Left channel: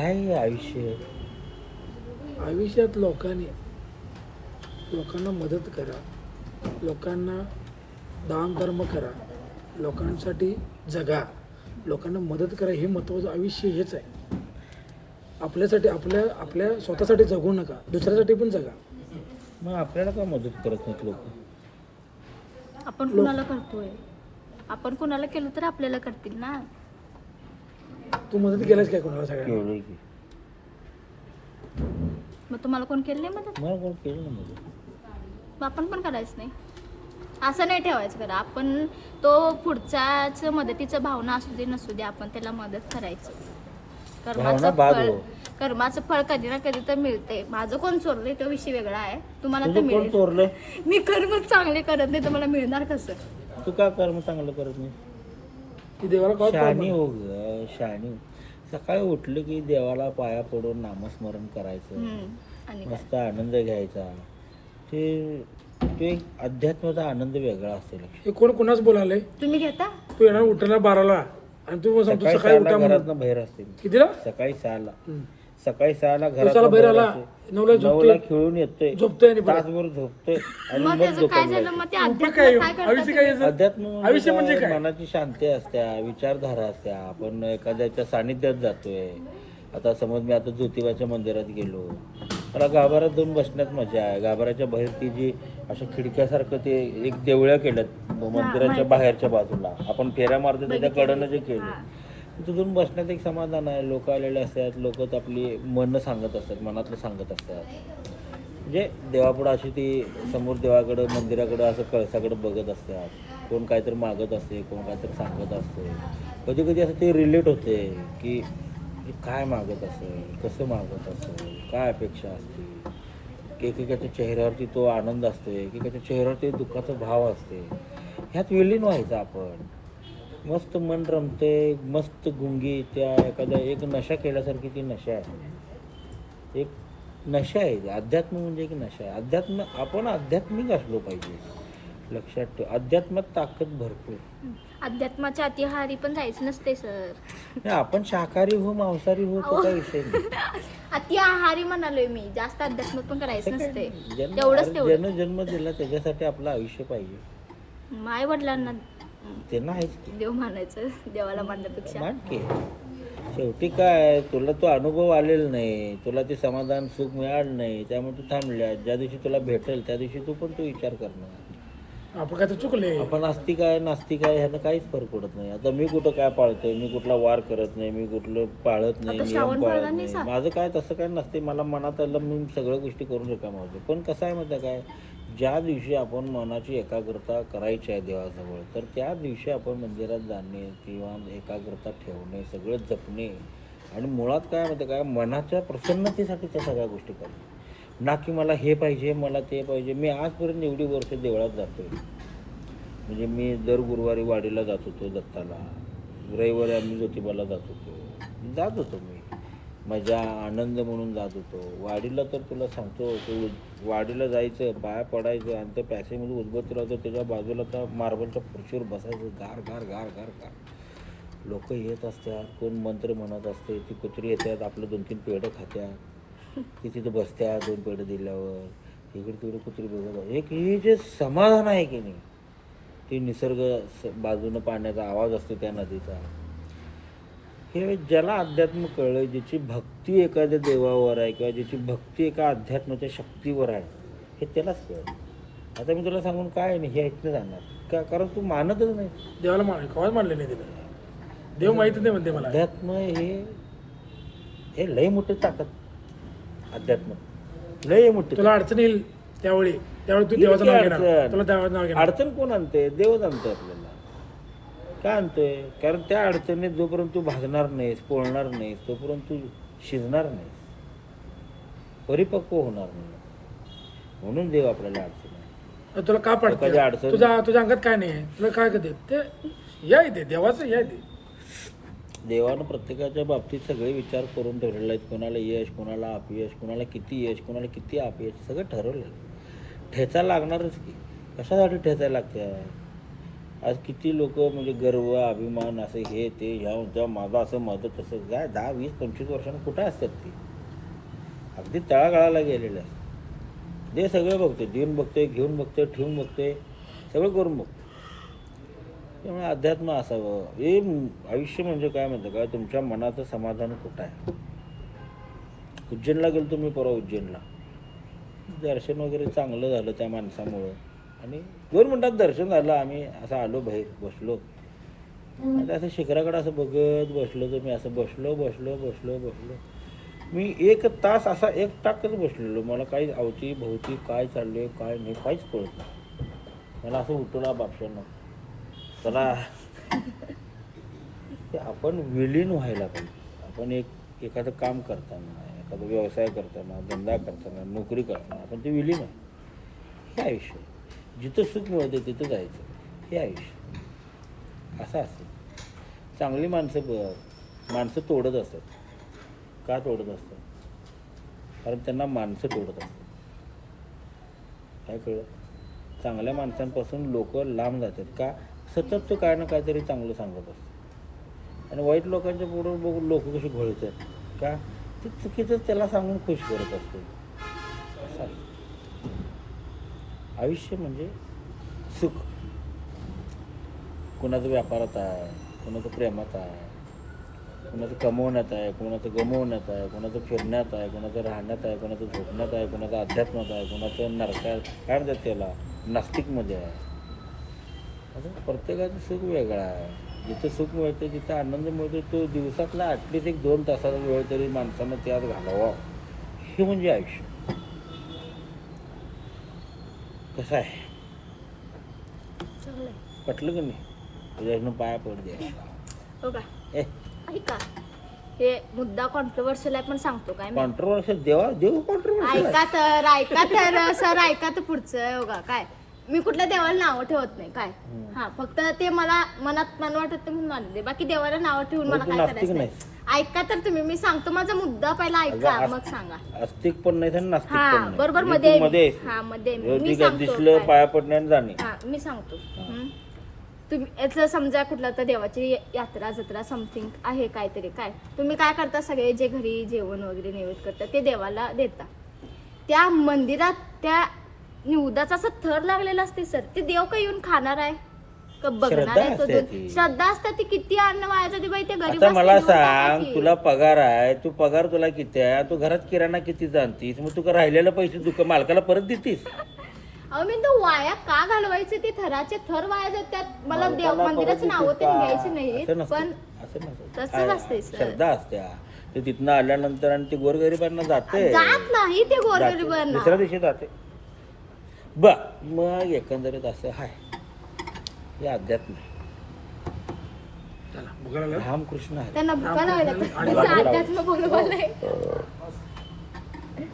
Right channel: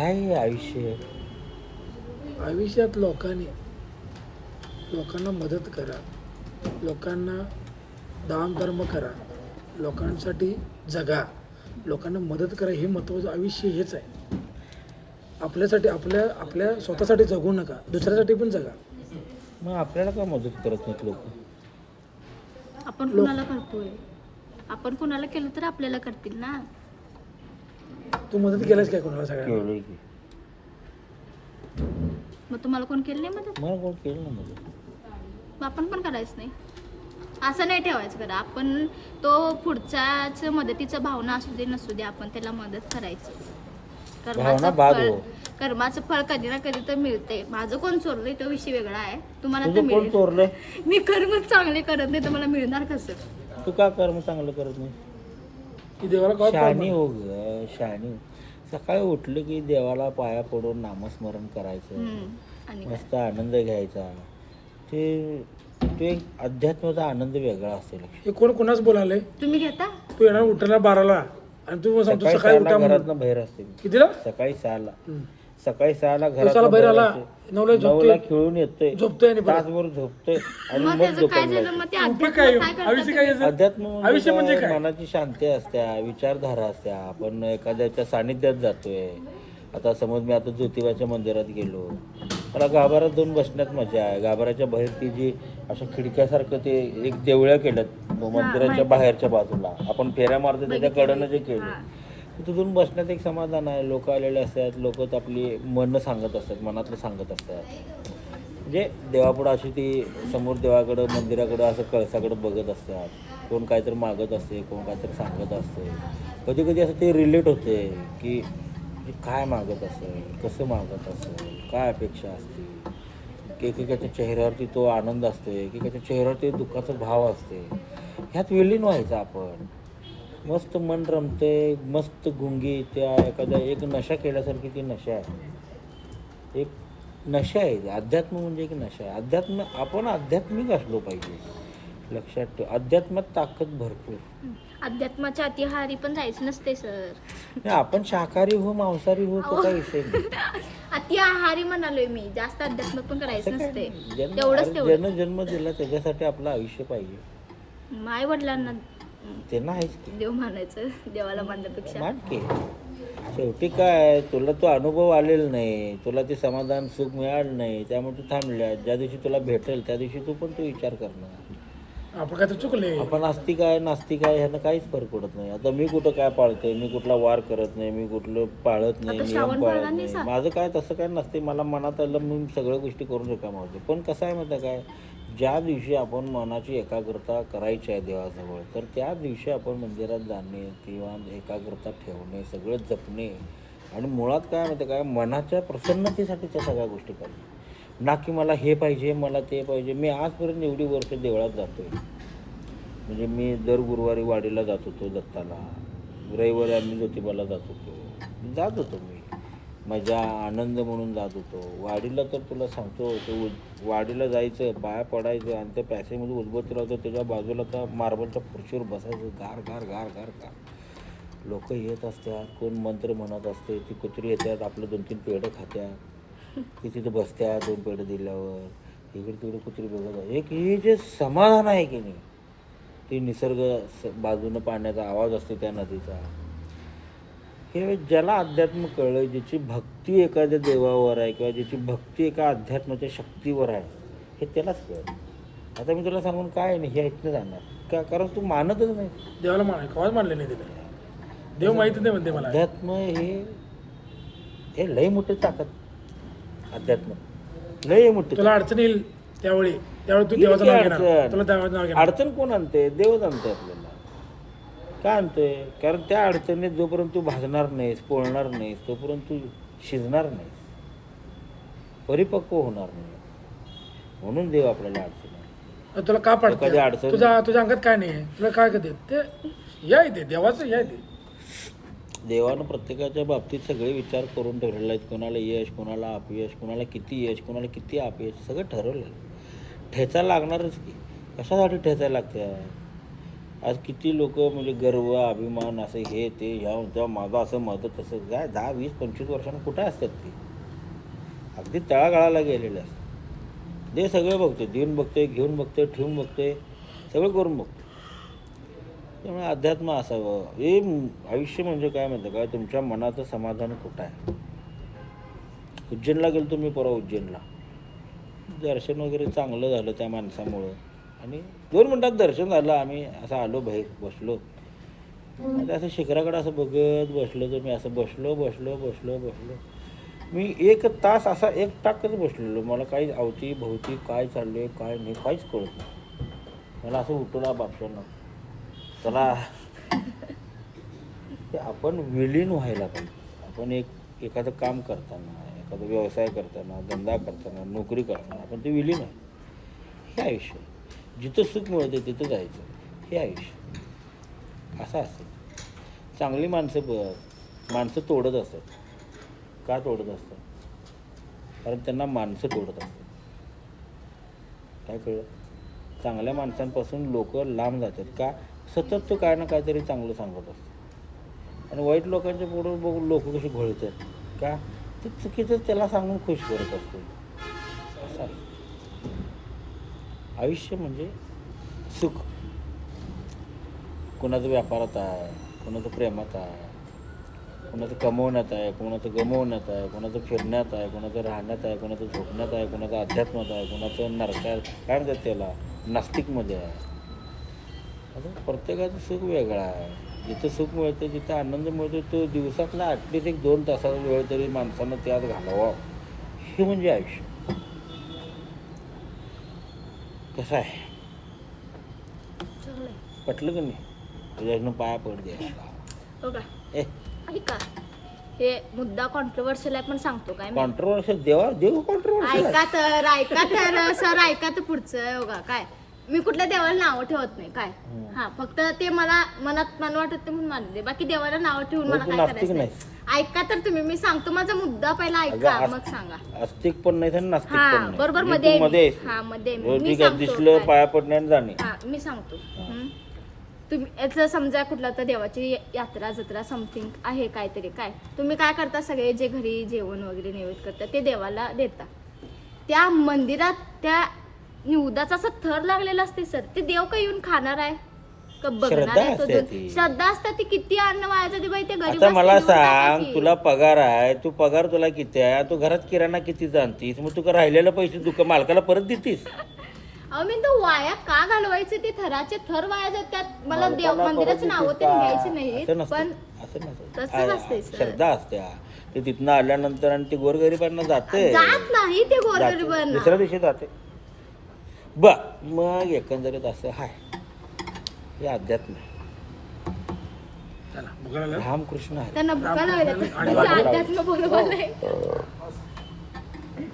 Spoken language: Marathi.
काय आहे आयुष्य? आयुष्यात लोकांना मदत करा, लोकांना दान धर्म करा, लोकांसाठी जगा, लोकांना मदत करा. हे महत्त्वाचं आयुष्य हेच आहे. आपल्यासाठी आपल्या स्वतःसाठी जगू नका, दुसऱ्यासाठी पण जगा. मग आपल्याला का मदत करत नाहीत लोक? आपण कुणाला करतोय? आपण कुणाला केलं तर आपल्याला करतील ना. तू मदत केलास काय कोणाला? सगळ्यांना केलं की. मग तुम्हाला कोण केलं नाही मदत? मला कोण केलं ना मदत? मग आपण पण करायचं नाही. असं नाही ठेवायचं बरं. आपण तो पुढच्याच मदतीचा भावना असू दे नसू दे, आपण त्याला मदत करायची. भावना बाद हो. कर्माचं फळ कधी ना कधी तर मिळते. माझं कोण चोरलंय तो विषय वेगळा आहे, तुम्हाला तर तुझं कोण मिळेल. चोरलं? मी कर्मच चांगले करत नाही तर मला मिळणार कसं? तू का कर्म चांगलं करत नाही? की देवाला कॉल शहाणी हो ग, शहाणी. सकाळी उठलं की देवाला पाया पडून नामस्मरण करायचं, आणि मस्त आनंद घ्यायचा. ते अध्यात्माचा आनंद वेगळा असतो. हे कोणाच बोलायलंय? तुम्ही घेता? तू येणार उठायला 12ला आणि तू सांगतो सकाळी उठा म्हणून. घरातनं बाहेर असते. कितीला? सकाळी 6ला. हम्म. सकाळी 6ला दिवसाला बाहेर आला, 9ला झोपतोय, खेळून येतोय, झोपतोय आणि परत. तासभर झोपतोय आणि मग मग त्याचं काय दुकान झालं? मग ते उपयोग काय? अध्यात्म काय आयुष्य करतात काय तुम्ही? याचं? अध्यात्म आयुष्य म्हणजे काय? मनाची शांती असत्या, विचारधारा असत्या. आपण एखाद्याच्या सानिध्यात जातोय. आता समज मी आता ज्योतिबाच्या मंदिरात गेलो, मला गाभाऱ्यात जाऊन बसण्यात मजा आहे. गाभाऱ्याच्या बाहेर ती जी अशा खिडक्यासारखं ते एक देवळ्या केल्यात मंदिराच्या बाहेरच्या बाजूला, आपण फेऱ्या मारतो त्याच्या कडनं जे केलं, तिथून बसण्यात एक समाधान आहे. लोक आलेले असतात, लोक आपली मन सांगत असतात, मनातलं सांगत असतात. म्हणजे देवापुढं अशी ती समोर देवाकडं मंदिराकडं असं कळसाकडं बघत असतात. कोण काहीतरी मागत असते, कोण काहीतरी सांगत असते. कधी कधी असं ते रिलेट होते की काय मागत असेल, कसं मागत असेल, काय अपेक्षा असते. एकेकाच्या चेहऱ्यावरती तो आनंद असतो, एकेकाच्या चेहऱ्यावरती दुःखाचा भाव असतो. ह्यात विलीन व्हायचं आपण. मस्त मन रमते, मस्त गुंगी त्या एखाद्या एक नशा केल्यासारखी ती नशा आहे. एक नशा आहे. अध्यात्म म्हणजे एक नशा आहे. अध्यात्म आपण आध्यात्मिक असलो पाहिजे. लक्षात ठेव, अध्यात्मात ताकद भरपूर. अध्यात्माच्या अतिहारी पण जायचं नसते सर. नाही, आपण शाकाहारी हो मांसाहारी हो तो काही विषय नाही. अति आहारी म्हणालोय मी. जास्त अध्यात्म पण करायचं नसते. तेवढंच तेवढं. जन्म दिला त्याच्यासाठी आपलं आयुष्य पाहिजे. माय वडिलांना ते नाहीच की. देव मानायचं, देवाला मानण्यापेक्षा. मानते. शेवटी काय, तुला तो अनुभव आलेला नाही, तुला ते समाधान सुख मिळालं नाही, त्यामुळे तू थांबल्या. ज्या दिवशी तुला भेटेल त्या दिवशी तू पण तो विचार करणार. आपण काय तर चुकले. आपण आस्तिक आहे नास्तिक आहे ह्यानं काहीच फरक पडत नाही. आता मी कुठं काय पाळतोय, मी कुठला वार करत नाही, मी कुठलं पाळत नाही, नियम पाळत नाही. माझं काय तसं काय नसते. मला मनात आलं मी सगळ्या गोष्टी करून रिकामा होतो. पण कसं आहे माहिती आहे काय, ज्या दिवशी आपण मनाची एकाग्रता करायची आहे देवाजवळ, तर त्या दिवशी आपण मंदिरात जाणे किंवा एकाग्रता ठेवणे, सगळं जपणे. आणि मुळात काय माहिती काय, मनाच्या प्रसन्नतेसाठी त्या सगळ्या गोष्टी करणे. ना की मला हे पाहिजे, मला ते पाहिजे. मी आजपर्यंत एवढी वर्ष देवळात जातो. म्हणजे मी दर गुरुवारी वाडीला जात होतो दत्ताला, रविवारी आम्ही ज्योतिबाला जात होतो मी. मजा आनंद म्हणून जात होतो. वाडीला तर तुला सांगतो, ते वाडीला जायचं, पाया पडायचं आणि त्या पॅसेजमध्ये उद्भत राहतो. त्याच्या बाजूला त्या मार्बलच्या खुर्चीवर बसायचं, गार गार गार गार गार. लोक येत असतात, कोण मंत्र म्हणत असते, ती कुत्री येतात, आपलं 2-3 पेढं खात्यात, ती तिथे बसतात 2 पेढं दिल्यावर. इकडे तिकडे कुत्री बघत. एक हे जे समाधान आहे की नाही, ते निसर्ग बाजूनं पाण्याचा आवाज असतो त्या नदीचा, हे ज्याला अध्यात्म कळलं, ज्याची भक्ती एखाद्या देवावर आहे किंवा ज्याची भक्ती एका अध्यात्माच्या शक्तीवर आहे, हे त्यालाच कळलं. आता मी तुला सांगून काय नाही, हे ऐकलं जाणार का, कारण तू मानतच नाही. देवाला कवाच मानले नाही तिला. देव माहितच नाही म्हणते मला. अध्यात्म हे लई मोठी ताकद. अध्यात्म लई मोठी. तुला अडचण येईल त्यावेळी तू देवाचं नाव घेणार. तुला देवाचं नाव घेणार. अडचण कोण आणते? देवच आणतो आपल्याला. का आणतोय? कारण त्या अडचणीत जोपर्यंत तू भाजणार नाहीस, पोळणार नाहीस, तोपर्यंत तू शिजणार नाहीस, परिपक्व होणार नाही. म्हणून देव आपल्याला अडचण आहे. तुला का पडते? तुझ्या अंगात काय नाही आहे? तुला काय करते ते? या इथे देवाचं या इथे. देवानं प्रत्येकाच्या बाबतीत सगळे विचार करून ठरवले आहेत. कोणाला यश, कोणाला अपयश, कोणाला किती यश, कोणाला किती अपयश, सगळं ठरवलं आहे. ठेचा लागणारच की. कशासाठी ठेचा लागतं? आज किती लोक म्हणजे गर्व अभिमान असं हे ते ह्या माझं असं मत तसं काय 10, 20, 25 वर्षांनी कुठे असतात ते अगदी तळागाळाला गेलेले असतात. ते सगळं बघतोय, देऊन बघतोय, घेऊन बघतोय, ठेवून बघतोय, सगळं करून बघतोय. त्यामुळे अध्यात्म असावं. हे आयुष्य म्हणजे काय म्हणतं काय, तुमच्या मनाचं समाधान कुठं आहे. उज्जैनला गेलो तुम्ही परवा, उज्जैनला दर्शन वगैरे चांगलं झालं त्या माणसामुळं आणि 2 मिनिटात दर्शन झालं. आम्ही असं आलो बाहेर बसलो, आता असं शिखराकडे असं बघत बसलो की मी असं बसलो. मी 1 तास असा 1 टाकच बसलेलो. मला काही अवती भोवती काय चाललंय काय नाही काहीच कळत नाही. मला असं उठवला बापशानं चला ते आपण विलीन व्हायला पाहिजे. आपण एखादं काम करताना, एखादा व्यवसाय करताना, धंदा करताना, नोकरी करताना आपण ते विलीन आहे. हे आयुष्य जिथं सुख मिळते तिथं जायचं, हे आयुष्य असं असतं. चांगली माणसं तोडत असतात. का तोडत असतात? कारण त्यांना माणसं तोडत असतात. काय कळलं? चांगल्या माणसांपासून लोक लांब जातात. का? सतत तो काय ना काहीतरी चांगलं सांगत असतो आणि वाईट लोकांच्या पुढे बघून लोक कशी घोळतात. का? ते चुकीचंच त्याला सांगून खुश करत असतो. असं आहे आयुष्य म्हणजे सुख. कुणाचं व्यापारात आहे, कुणाचं प्रेमात आहे, कुणाचं कमवण्यात आहे, कुणाचं गमवण्यात आहे, कुणाचं फिरण्यात आहे, कुणाचं राहण्यात आहे, कुणाचं झोपण्यात आहे, कुणाचं अध्यात्मात आहे, कुणाचं नरकात काय म्हणतात त्याला नास्तिकमध्ये आहे. असं प्रत्येकाचं सुख वेगळं आहे. जिथं सुख मिळते, जिथं आनंद मिळतो, तो दिवसातला ॲटलिस्ट 1-2 तासाचा वेळ तरी माणसानं त्यात घालावा. हे म्हणजे आयुष्य. कसं आहे पटलं तुम्ही? तुझ्याकडून पाया पड द्या हो का? ए ऐका, हे मुद्दा कॉन्ट्रोवर्शियल आहे पण सांगतो काय मी. कॉन्ट्रोवर्शियल देव कॉन्ट्रोवर्शियल ऐका तर सर ऐका तर पुढचं हो का. काय मी कुठल्या देवाला नावं ठेवत नाही काय. हा फक्त ते मला मनात मन वाटत म्हणून मानले, बाकी देवाला नावं ठेवून मला काय करायचं नाही. ऐका तर तुम्ही, मी सांगतो माझा मुद्दा पहिला ऐका मग सांगा. आस्तिक पण नाही आणि नास्तिक हा पण नाही. बरोबर मध्ये मध्ये मी सांगतो दिसलं काय. पाया पडणं आणि जाणे. हा मी सांगतो. तुम्ही याचं समजा कुठला तर देवाची यात्रा जत्रा समथिंग आहे काहीतरी, काय तुम्ही काय करता, सगळे जे घरी जेवण वगैरे नैवेद्य करतात ते देवाला देता. त्या मंदिरात त्या निवदाचा असं थर लागलेला असते सर, ते देव का येऊन खाणार आहे का बघणार आहे? तो श्रद्धा असतात ती. किती अन्न वाया जाते बाई ते गरीब. आता मला सांग, तुला पगार आहे, तू पगार तुला किती आहे, तू घरात किराणा किती जाणतीस, मग तू राहिलेला पैसे तू मालकाला परत देतीस? अहो मी तो वाया का घालवायचे? ते थराचे थर वाया जातात. मला देव मंदिराचं नाव ते घ्यायची नाही पण तसंच असते श्रद्धा असते. ते तिथनं आल्यानंतर आणि ते गोरगरिबांना जाते, जात नाही ते गोरगरिबांना, दुसऱ्या दिवशी जाते. बर मग एकंदरीत असं आहे हे अध्यात्म. चला बघायला रामकृष्ण आहे. त्यांना भुका लागल्या अध्यात्म बरोबर नाही.